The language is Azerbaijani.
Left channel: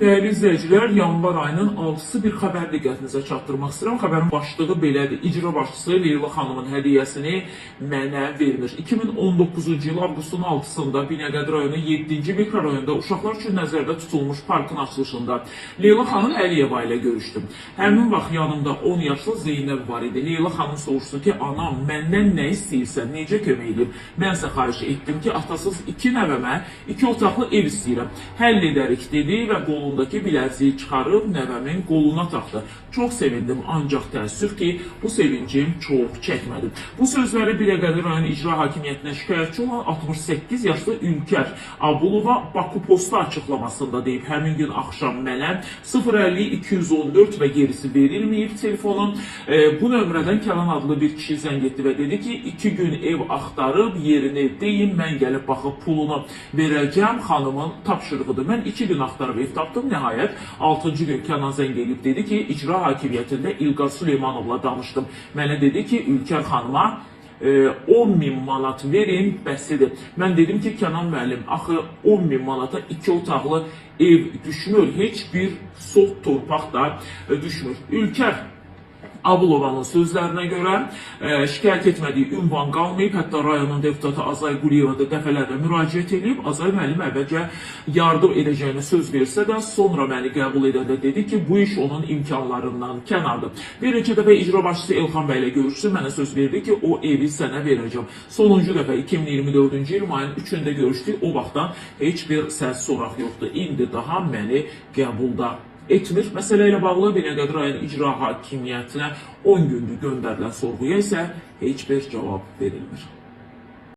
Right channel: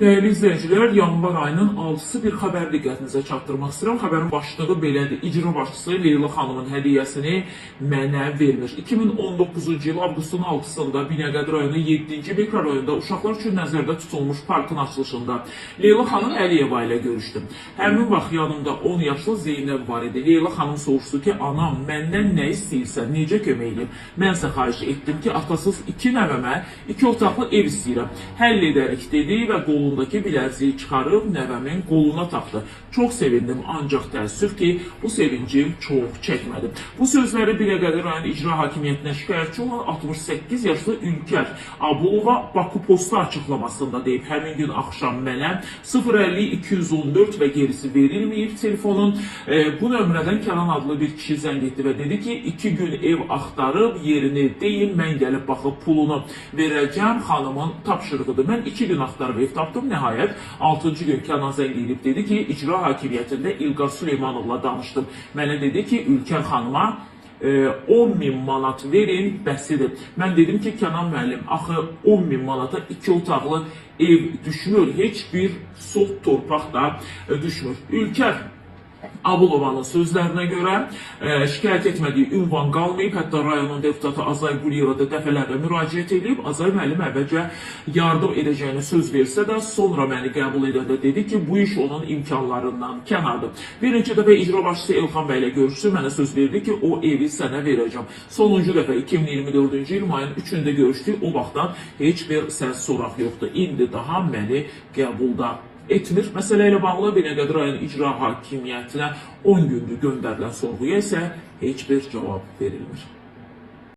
Değerli izləyicilər, yanvar ayının 6-sı bir xəbər diqqətinizə çatdırmaq istəyirəm. Xəbərin başlığı belədir. İcra başçısı Leyla xanımın hədiyyəsini mənə vermir. 2019-cu il avqustun 6-sında Binəqədi rayonu 7-ci mikrorayonda uşaqlar üçün nəzərdə tutulmuş parkın açılışında Leyla xanım Əliyeva ilə görüşdüm. Həmin vaxt yanımda 10 yaşlı Zeynəb var idi. Leyla xanım soruşdu ki, anam məndən nə istəyirsən, necə kömək edeyim? Mən isə xahiş etdim ki, atasız 2 nəvəmə 2 otaqlı ev istəyirəm. Həll edərik dedi və qolundakı biləziyi çıxarıb nəvəmin qoluna taxdı. Çox sevindim, ancaq təəssüf ki, bu sevincim çox çəkmədi. Bu sözləri Binəqədi rayon icra hakimiyyətinə şikayətçi olan 68 yaşlı Ülkər Abulova Bakı Posta açıqlamasında deyib. Həmin gün axşam mənə 050-214 və gerisi verilməyib telefonun. Bu nömrədən Kənan adlı bir kişi zəng etdi və dedi ki, 2 gün ev axtarıb yerini deyin, mən gəlib baxıb pulunu verəcəm, xanımın tapşırığıdır. Mən 2 gün axtarıb ev tapdım. Nəhayət 6-cı gün Kənan zəng edib dedi ki, icra hakimiyyətində İlqar Süleymanovla danışdım. Mənə dedi ki, Ülkər xanıma 10.000 manat verin, bəsidir. Mən dedim ki, Kənan müəllim, axı 10.000 manata 2 otaqlı ev düşmür, heç bir sot torpaq da düşmür. Ülkər Abulovanın sözlərinə görə şikayət etmədiyi ünvan qalmayıb, hətta rayonun deputatı Azay Quliyeva da dəfələrlə müraciət edib. Azay müəllim əvvəlcə yardım edəcəyini söz versə də, sonra məni qəbul edəndə dedi ki, bu iş onun imkanlarından kənardır. Bir neçə dəfə icra başçısı Elxan bəy ilə görüşdü, mənə söz verdi ki, o evi sənə verəcəm. Sonuncu dəfə 2024-cü il mayın 3-də görüşdük, o vaxtdan heç bir səs soraq yoxdur. İndi daha məni qəbulda etmir. Məsələ ilə bağlı Binəqədi rayon icra hakimiyyətinə 10 gündür göndərilən sorğuya isə heç bir cavab verilmir.